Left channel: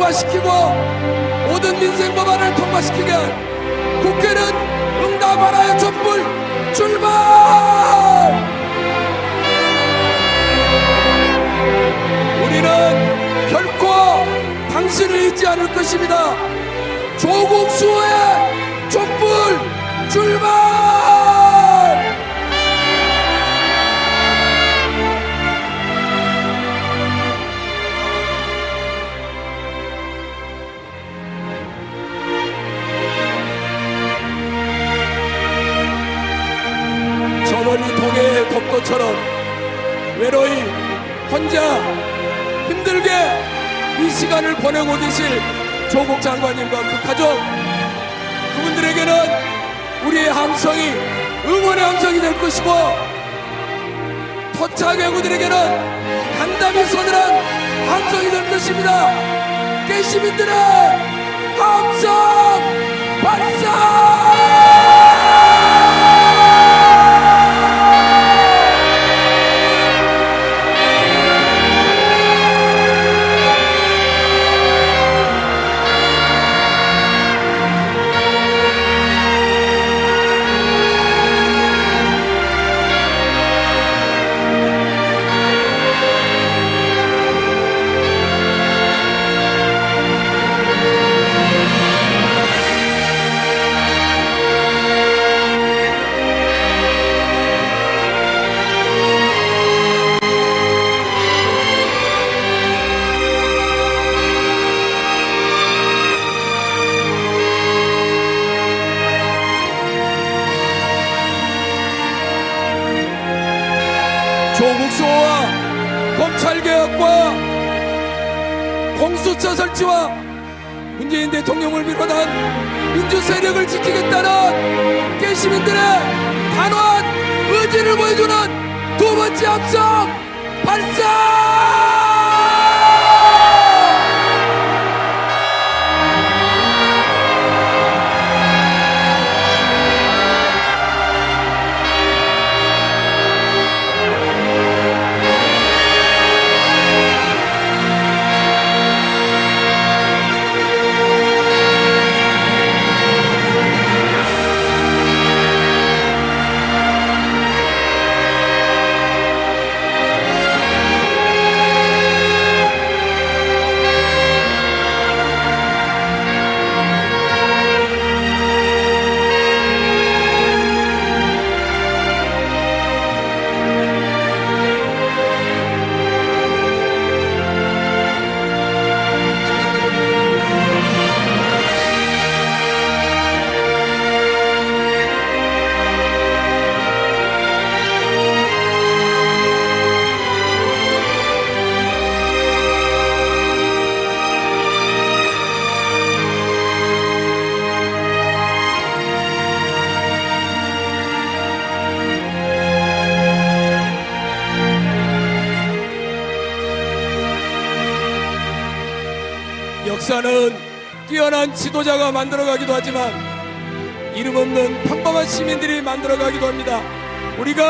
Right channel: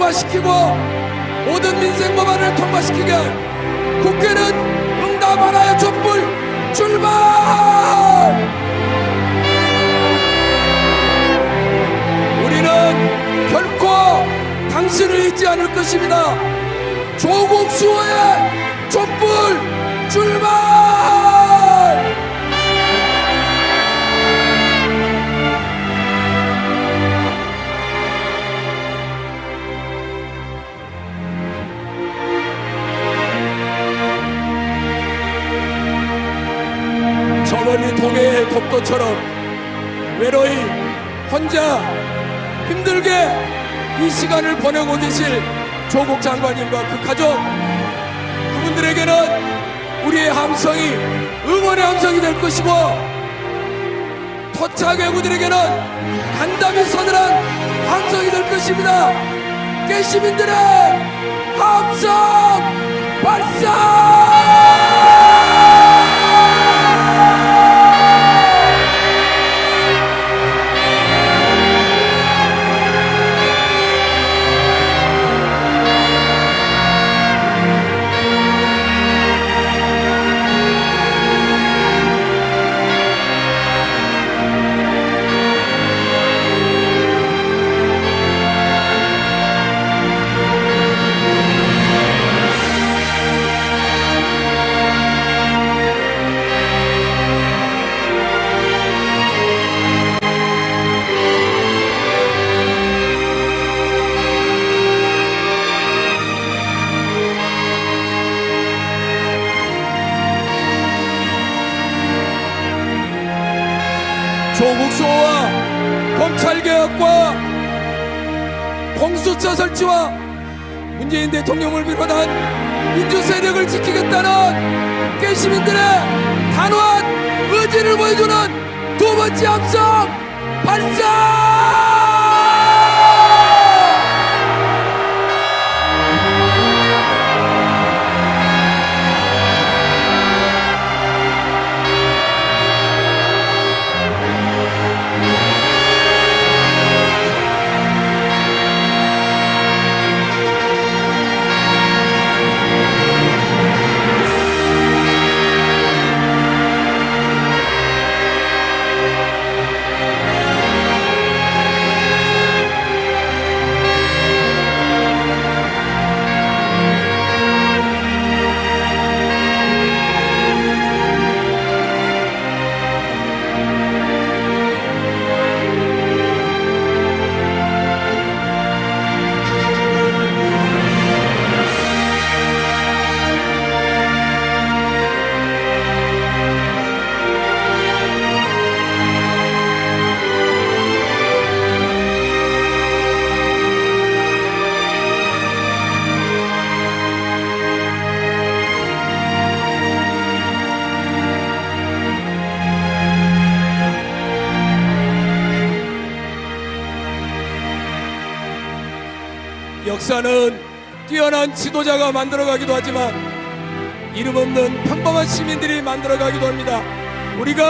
통과시키고 모든 민생 법안을 통과시키게 국회는 응답하라의 촛불 출발! 우리는 결코 당신을 잊지 않을 것입니다. 조국 수호의 촛불 출발! 저번이 동해의 독도처럼 외로이 혼자 힘들게 이 시간을 보내고 계실 조국 장관님과 그 가족, 그분들에게는 우리의 함성이 응원의 함성이 될 것이고, 토착 외구들에게는 간담회 서늘한 함성이 될 것입니다. 깨시민들의 함성 발사! 조국 수호와 검찰개혁과 공수처 설치와 문재인 대통령을 비롯한 민주세력을 지키겠다는 깨시민들의 단호한 의지를 보여주는 두 번째 함성 발사! 역사는 뛰어난 지도자가 만들어가기도 하지만 이름 없는 평범한 시민들이 만들어가기도 합니다. 우리가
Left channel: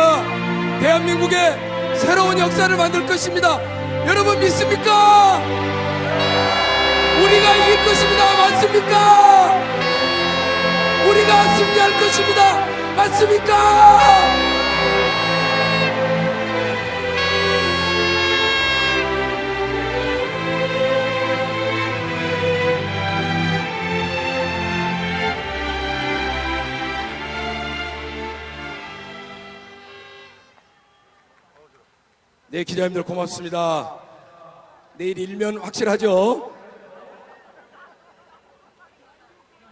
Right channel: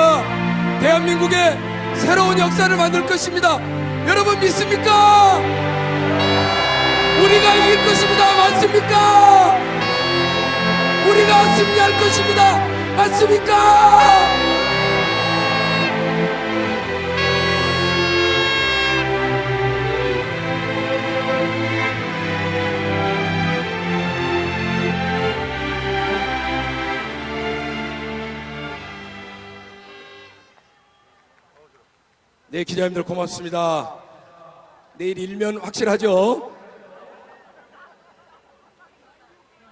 대한민국의 새로운 역사를 만들 것입니다. 여러분 믿습니까? 우리가 이길 것입니다. 맞습니까? 우리가 승리할 것입니다. 맞습니까? 네, 기자님들 고맙습니다. 내일 일면 확실하죠?